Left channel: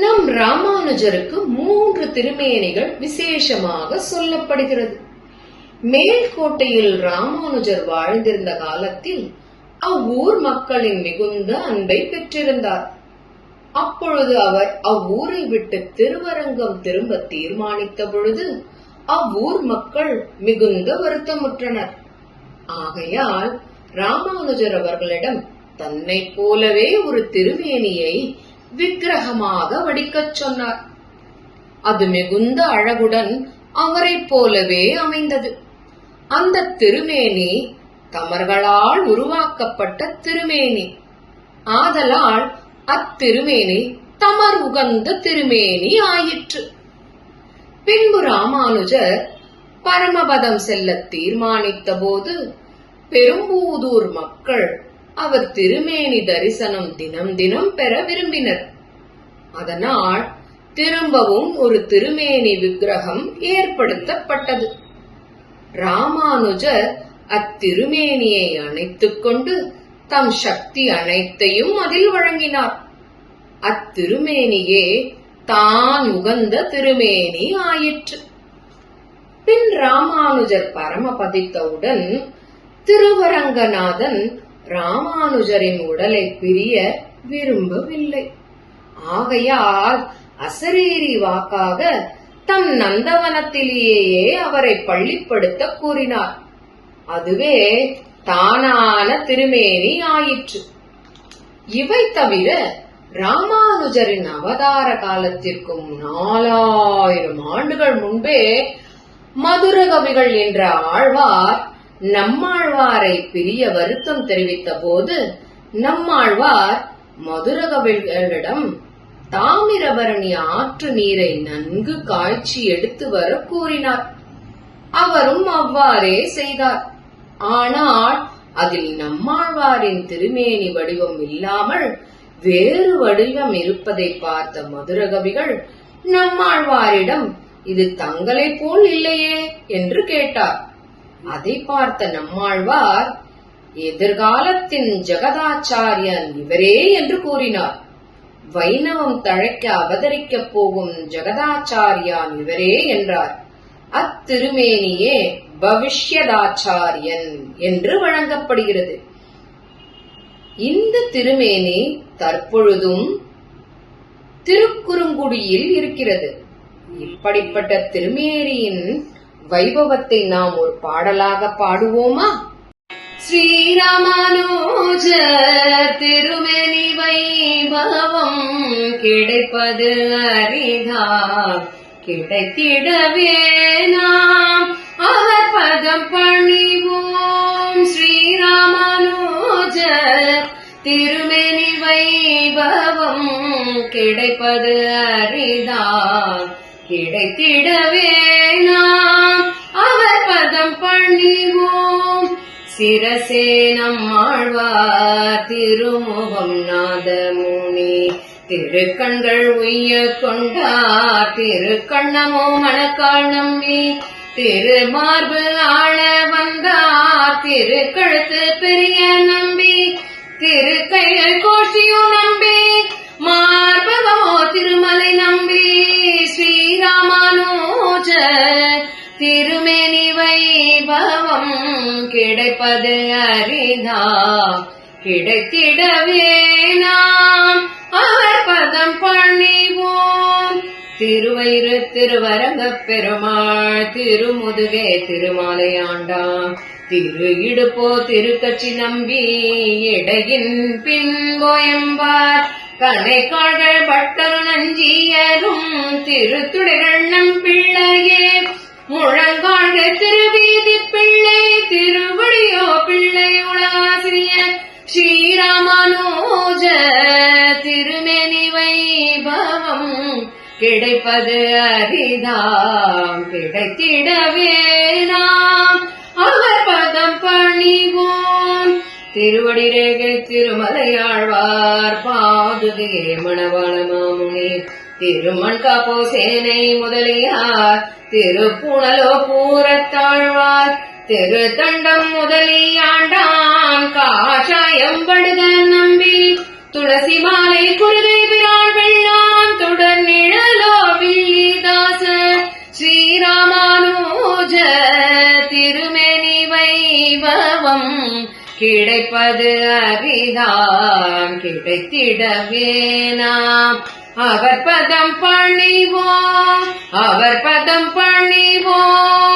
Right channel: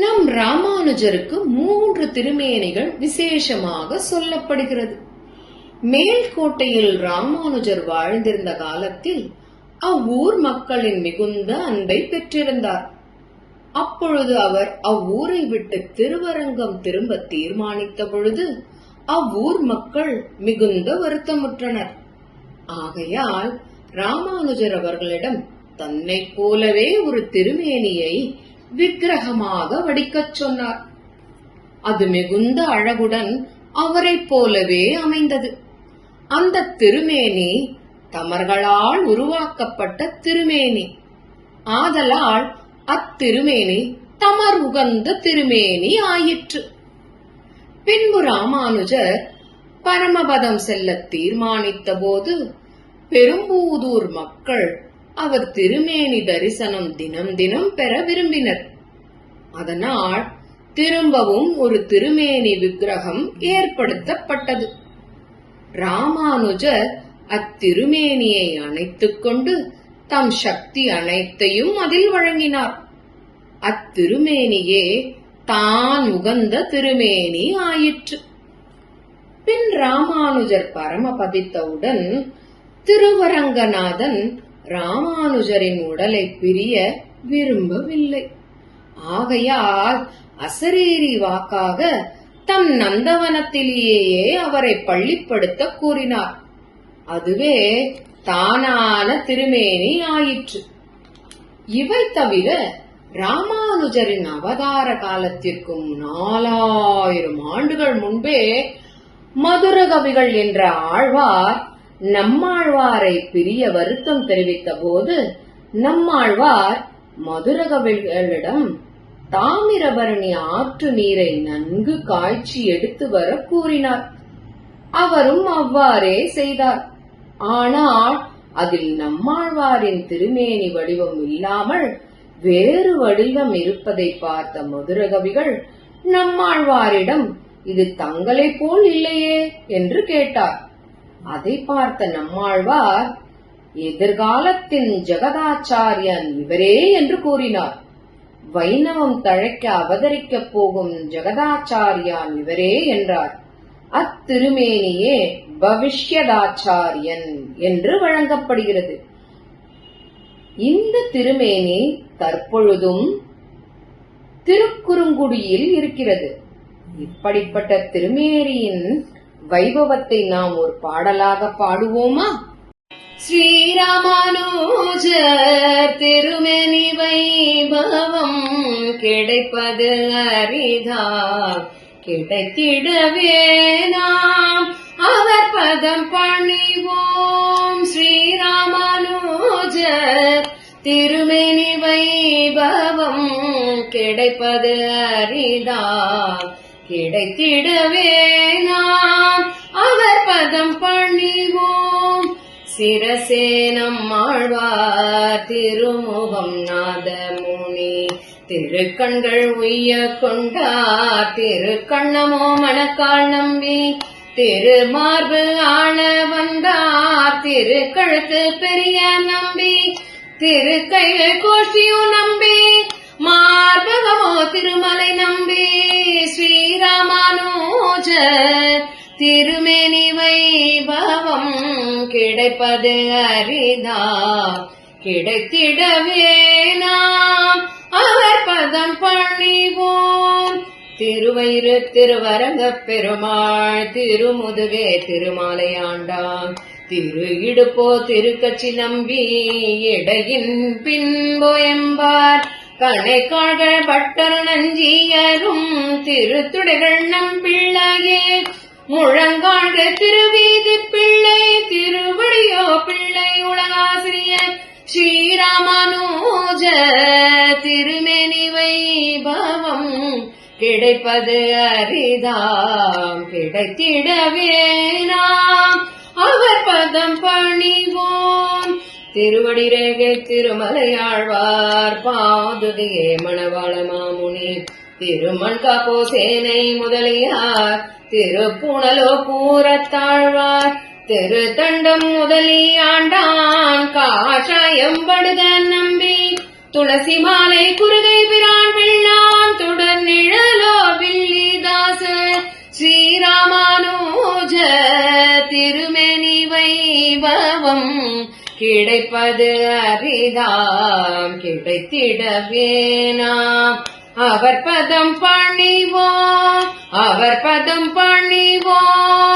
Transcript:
நம் ராமானுஜருக்கு மூன்று திருமேனிகள் விசேஷமாக சொல்லப்படுகிறது. மேல்கோட்டையில் ராமானுஜர் வாழ்ந்திருந்த காலத்தில் அவ்வூர் மக்களின் மிகுந்த அன்பை பெற்றிருந்தார். அப்பொழுது அவர் அவ்வூரை விட்டு திருவரங்கம் திரும்ப தீர்மானித்த பொழுது அவ்வூர் மக்கள் மிகுந்த வருத்தமுற்றனர். ஆகையால் ராமானுஜர் அவர்களிடம் தன்னைப் போலவே ஒரு திருமேனியை விக்கிரகமாக வடிக்கச் சொன்னார். அது மிகுந்த அழகுடன் அவரைப் போலவே அமைந்தது. அந்த திருமேனி தமர்களால் உருவாக்கப்பட்ட திருமேனி. ஆதலால் அத்திருமேனி தமர் உகந்த திருமேனி ஆயிற்று. பின்பு ராமானுஜர் பரமபதம் செல்ல தீர்மானித்த போது பெரும்பூதூர் மக்கள் அவர் திருமேனி தரிசனம் தினம் தினம் பெற விரும்பினர். அதனால் திரும்பவும் ஒரு திருமேனி விக்கிரகம் ஏற்படுத்தப்பட்டது. ராமானுஜர் அத்திருமேனியை அணைத்துக் கொண்டு தம் சக்தி அனைத்தையும் அதில் வழங்கினார். அத்திருமேனியே தான் உகந்த திருமேனி ஆயிற்று. பின் ராமானுஜர் பரமபதித்தவுடன் திருவரங்கநாதன் ராமானுஜரின் உடலை பிரிய விரும்பவில்லை. ஆகையால் அசரீரி வாக்காக தம் நந்தவனத்திலேயே அவரை பள்ளிப்படுத்த கூறினார். அதுவே தானான திருமேனி ஆயிற்று. இவை தவிர ராமானுஜரின் அவதார காலத்திற்கும் நாலாயிரம் ஆண்டுகள் முன்பே மதுரகவிகள் என்ற ஆழ்வார் நம்மாழ்வாரை பிரிய வருத்தம் தெரிவித்த போது நம்மாழ்வார் மதுரகவிகளிடம் தாமிரபரணி ஆற்று நீரை நன்கு காய்ச்சி எடுத்து வர கூறினார். அவரும் அவ்வாறே செய்தார். ஆனால் அதில் நம்மாழ்வாரின் திருமேனி வடிவம் இல்லாமல் வேறு வடிவம் இருப்பதை பார்த்த மதுரகவிகள் நம்மாழ்வாரிடம் இது தங்களைப் போல் இல்லையே என்று கேட்டார். அதை பார்த்த நம்மாழ்வார் எதிர்காலத்தின் ஜெகதாச்சாரியன் இவரே என்று கூறினார். வைணவம் தழைக்க அவதரிக்கப் போகும் ஜெகதாச்சாரியான் இவரே என்றார். அத்திருமேனியே பவிஷ்யதாச்சாரியன் என்று வழங்கப்படுகிறது. இந்த திருமேனி தற்பொழுதும் திருக்குறுங்குடியில் இருக்கிறது. இப்படிப்பட்ட திருமேரியின் வைபவத்தை நாம் ஒரு பாடலாக பாடுவோமா? ஸ்ரீராமானுஜ திருமணி வைபவம் கிடைப்பது அரிதா கிடைத்திடவே நாம். அவர் பதம் பணிவோம் ஸ்ரீராமானுஜ திருமணி வைபவம் கிடைப்பது அரிதா கிடைத்திடவே நாம் சிரசேனம் ஆழ்வார் திருமுகம் நாதமுனி. திருக்கண்கள் உய்ய கொண்டார் திருக்கண்ணமோ மணக்கால் நம்பி. திருமார்பு ஆள வந்தார் திருக்கழுத்து பெரிய நம்பி. திருக்கைகள் கோஷியோ நம்பி மார்பகமோ திருமலை நம்பி. ஸ்ரீராமானுஜ திருமேனி கிடைப்பது அரிதா கிடைத்திடவே நாம் அவர் பதம் பணிவோம் திருவயிறு திருவரங்க பெருமாள் திருமுதுகே திருமாலையாண்டாம் திரு இடுப்போ திருக்கட்சி நம்பி இடையின் பின்போயம்பார் கலைக்காள்கள் பட்டர் நஞ்சியரும் திருத்துடைகள் நம் பிள்ளையே. முழங்காழ்கள் திருவி திருவடியோ பிள்ளை ஸ்ரீராமானோஜ திருமேனி வைபவம். கிடைப்பது அரிதாம் கிடைத்திடவே நாம் அவர் பதம் பணிவோம். திருவடி ரேகை திருமலையாழ்வார் பாதுதியே மணவாள மாமுனி திருமண் காப்போ சேனை முதலியார் திருப்புணலோ பூரத்தாழ்வார் திரு தண்டம் முதலி ஆண்டான் காஷாயம் படுத நம்பி. துளசி மாலை குருதை பிரான் வெள்ளான் தொடர் நிழலோ வில்லிதாச. ஸ்ரீராமானுஜ திருமணி வைபவம் கிடைப்பது அரிதாம் கிடைத்திடவே அவர் பதம் பணிவோம் அவர் பதம் பணிவோம்